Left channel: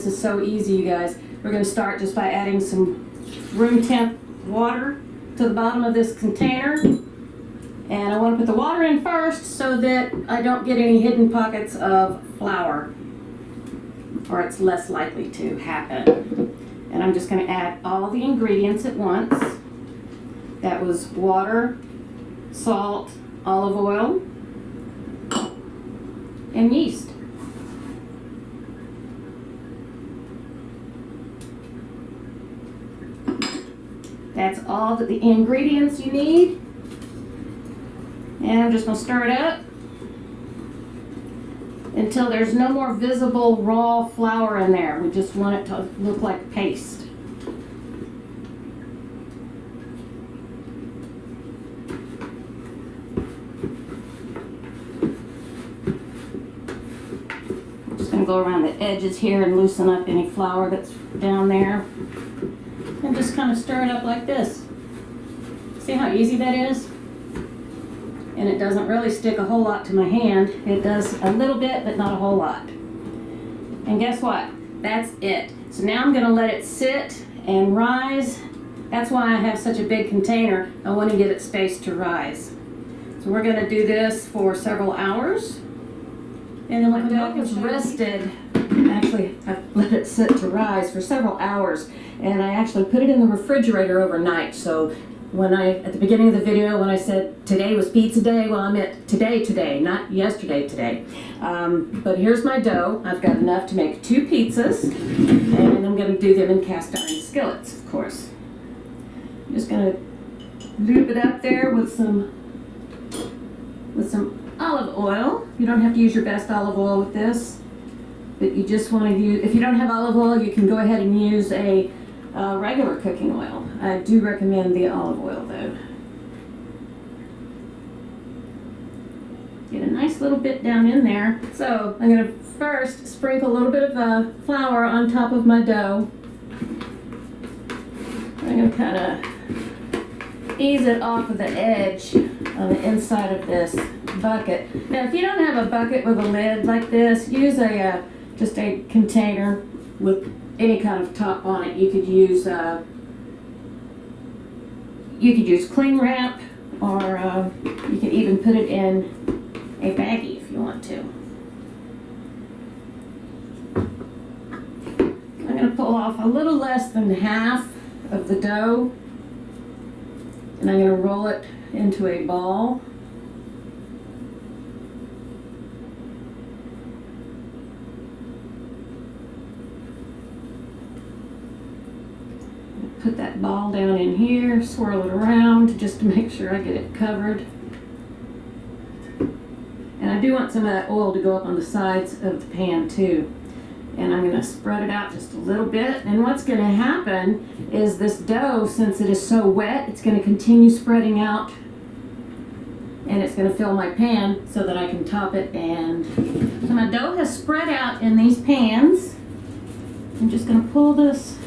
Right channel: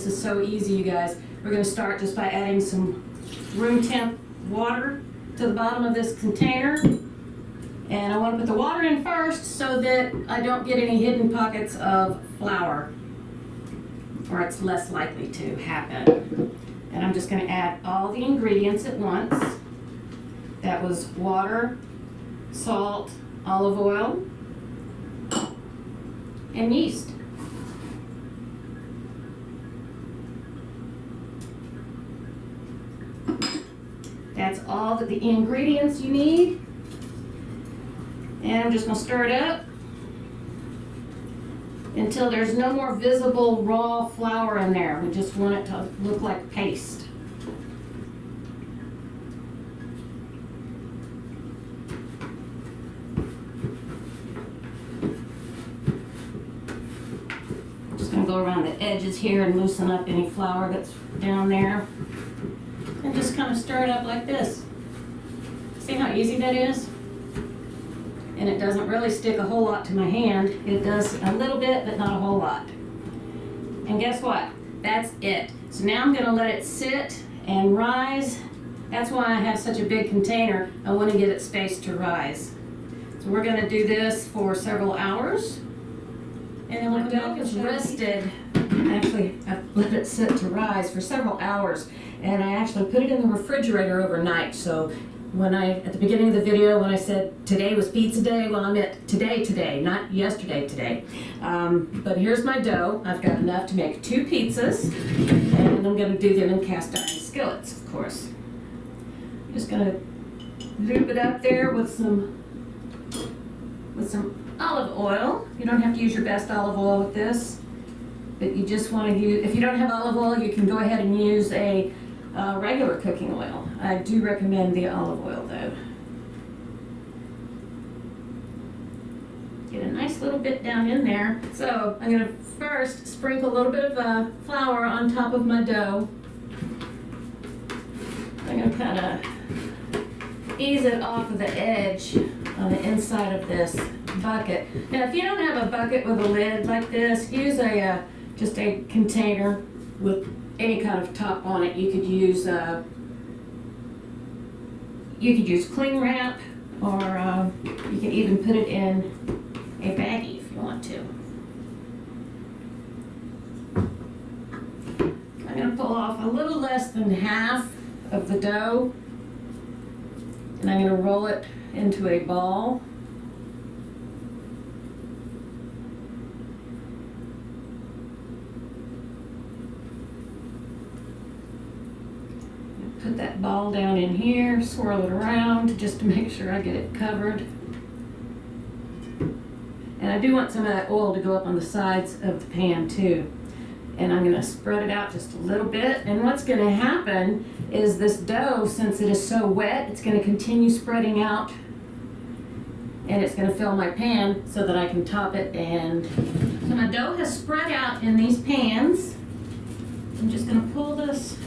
This is so easy, you guys. We're going to start just by adding some room temp water to the bottom of this container. And I want to put the water in first so that I don't get any hidden pockets of flour, or it's less likely to happen. And I'm just going to add all the ingredients at once. That was water, salt, olive oil, and yeast. That's all the ingredients you need. And I'm just going to stir it up until there's no more visible raw flour in there. We just want it to look like paste. I'm just going to go around the edges here and loosen up any flour that's down there. And just kind of stir it up like this. See how easy that is? And it doesn't really stick a whole lot to my hand. It does a little bit, but not a whole lot. And guess what? That's it. So now I'm gonna let it sit and rise. That's why I have such a big container. I want to give it space to rise. So we're gonna do this for several hours. And then we'll come back and it's rested. Actually, I've let it sit to rise for several hours, and I actually put it in the refrigerator overnight. So when at the beginning of the video, when I said today was pizza day, well, I meant today, not yesterday, today. But here's my dough. I've got enough to make 2 pizzas, and I'm gonna do them in cast iron skillets, of course. I'm just gonna loop it up there with some olive oil. You don't have to use your best olive oil with this, but you just want to use, if you don't have olive oil, you can go ahead and use a regular cooking oil. I do recommend the olive oil though. Get a nice little bit down in there. So I'm going to first sprinkle a little bit of flour on top of my dough. I'm going to kind of ease it off of the edge on the inside of this bucket. Now, if you don't have a bucket with a lid like this, use just a container with any kind of top on it. You could use cling wrap, or you can even put it in a baggie if you want to. I'm going to pull off a little less than half of the dough, and I'm going to roll it into a ball. Put that ball down in here, swirl it around just to make sure I get it covered. And I do want some of that oil to go up on the sides of the pan too. And I'm gonna spread it out just a little bit. And what's gonna happen is this dough, since it is so wet, it's gonna continue spreading out, and it's gonna fill my pan so that I can top it. And so my dough has spread out in these pans. I'm just gonna pull this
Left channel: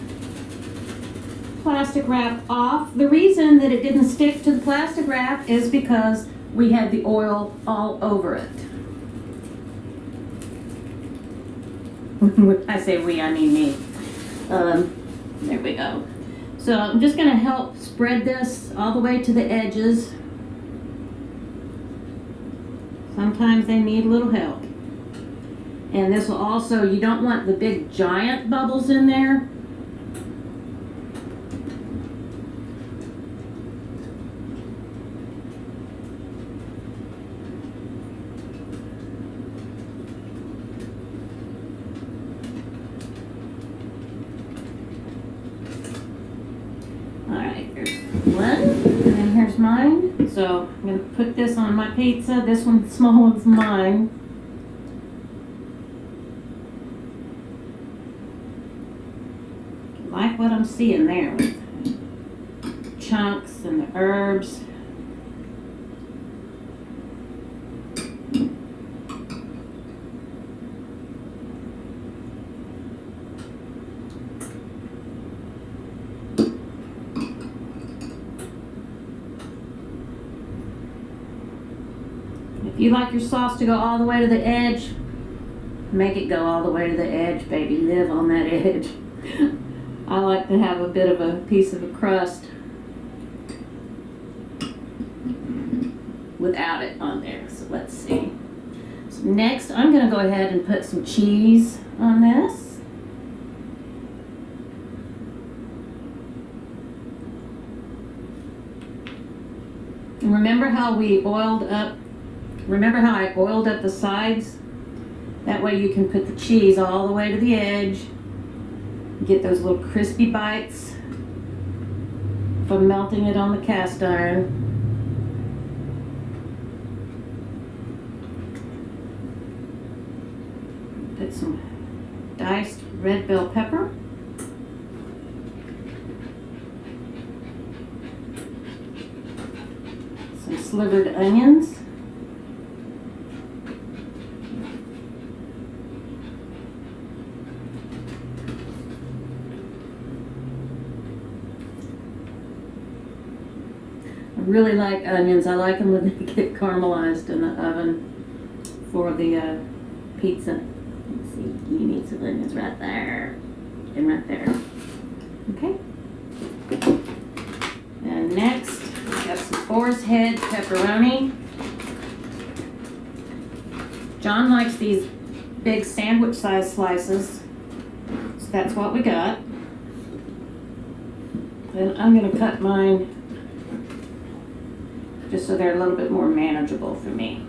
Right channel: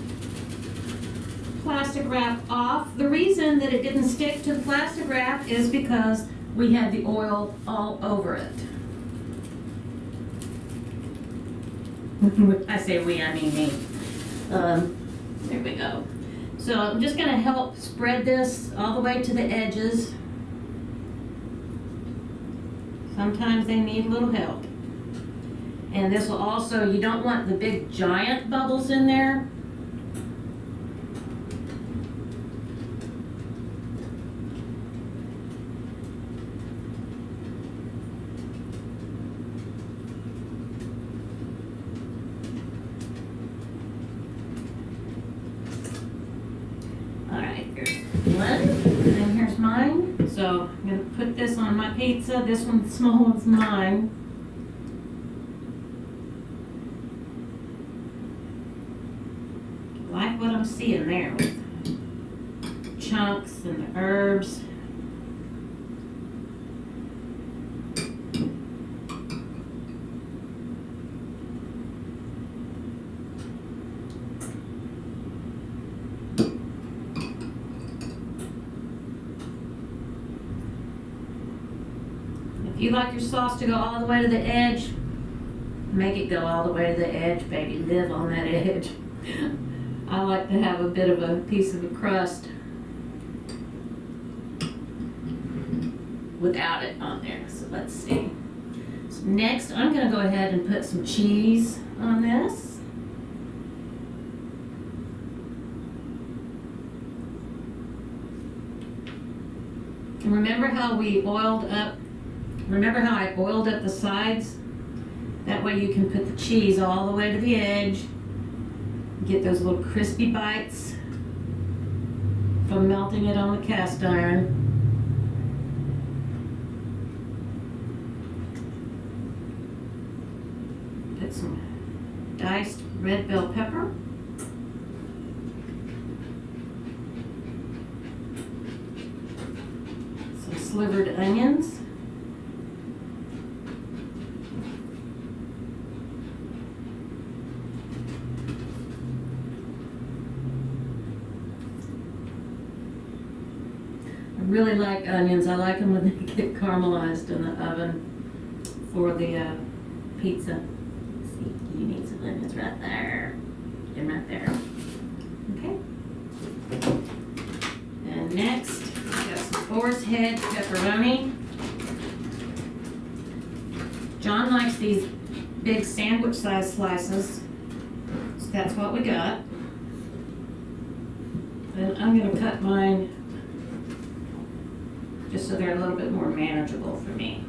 plastic wrap off. The reason that it didn't stick to the plastic wrap is because we had the oil all over it. When I say we, I mean me. There we go. So I'm just going to help spread this all the way to the edges. Sometimes they need a little help. And this will also, you don't want the big giant bubbles in there. Here's one, and then here's mine. So I'm going to put this on my pizza. This one, the small one's mine. Like what I'm seeing there with chunks and the herbs. If you like your sauce to go all the way to the edge, Make it go all the way to the edge, baby. Live on that edge. I like to have a bit of a piece of a crust without it on there. So let's see. So next, I'm going to go ahead and put some cheese on this. And remember how I oiled up the sides? That way you can put the cheese all the way to the edge. Get those little crispy bites from melting it on the cast iron. Put some diced red bell pepper. Some slivered onions. I really like onions. I like them when they get caramelized in the oven for the pizza. Let's see, you need some onions right there and right there. Okay. And next, got some boar's head pepperoni. John likes these big sandwich size slices, so that's what we got. Then I'm going to cut mine just so they're a little bit more manageable for me.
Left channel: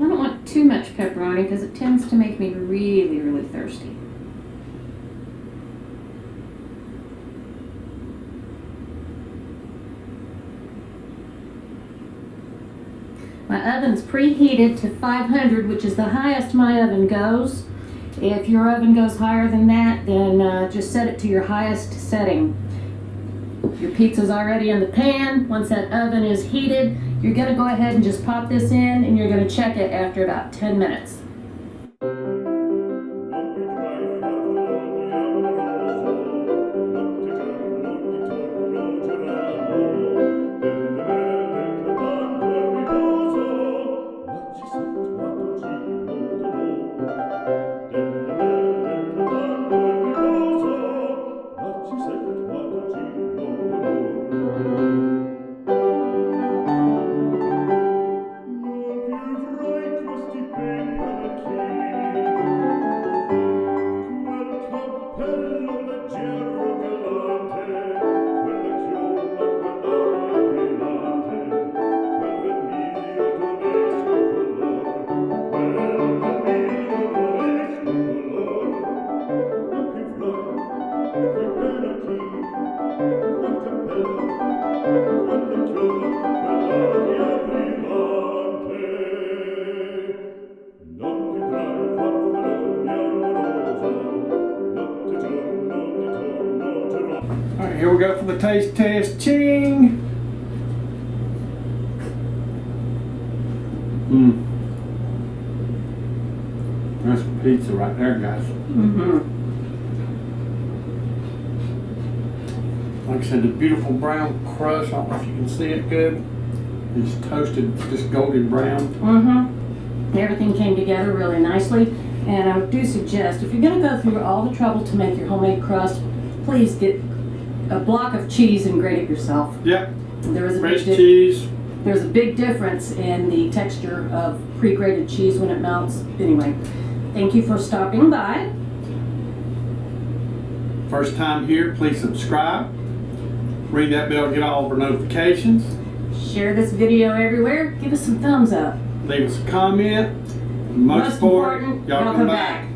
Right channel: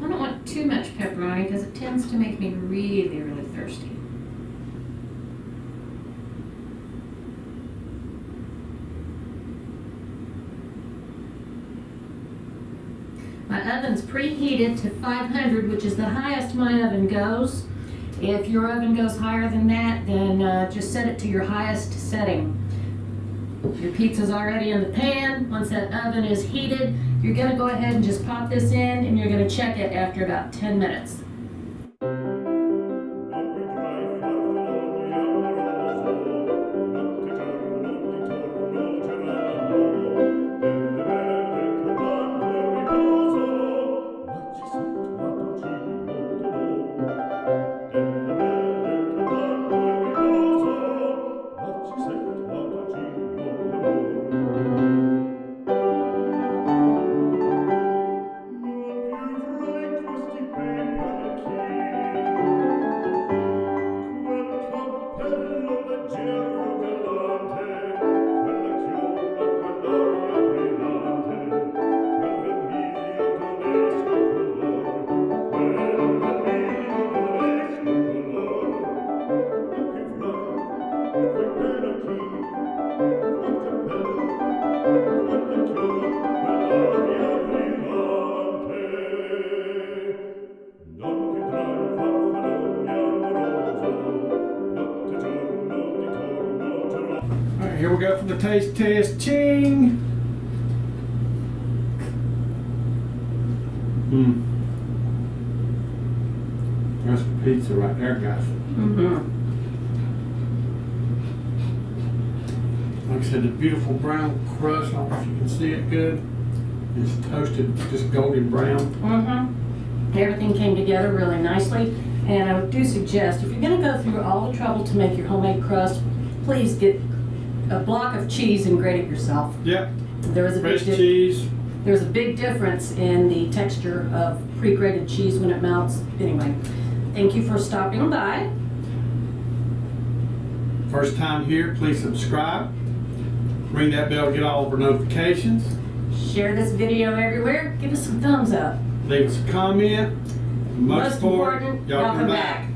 I don't want too much pepperoni because it tends to make me really, really thirsty. My oven's preheated to 500, which is the highest my oven goes. If your oven goes higher than that, then just set it to your highest setting. Your pizza's already in the pan. Once that oven is heated, you're gonna go ahead and just pop this in and you're gonna check it after about 10 minutes. Non più tra I farfalloni amoroso, notte giorno di torno girando, delle belle turbando al riposo, ma ci sotto a dolcino d'amor. Delle belle turbando al riposo, ma ci sotto a dolcino d'amor. Non più avrai questi bei panacchini, quel cappello leggero galante, quella chioma, quell'aria brillante, quel vermiglio d'onesco color, quel vermiglio d'onesco color. Non più avrai quei panacchini, quel cappello, quella chioma, quell'aria brillante. Non chiudrai farfalloni amoroso, notte giorno di torno girò. All right, here we go for the taste test. Ching! That's some pizza right there, guys. Like I said, the beautiful brown crust, I don't know if you can see it good. It's toasted, just golden brown. Everything came together really nicely. And I do suggest, if you're going to go through all the trouble to make your homemade crust, please get a block of cheese and grate it yourself. Yep. There is a fresh cheese. There's a big difference in the texture of pre-grated cheese when it melts. Anyway, thank you for stopping by. First time here, please subscribe. Ring that bell, get all of our notifications. Share this video everywhere. Give us some thumbs up. Leave us a comment. Most important, y'all come back.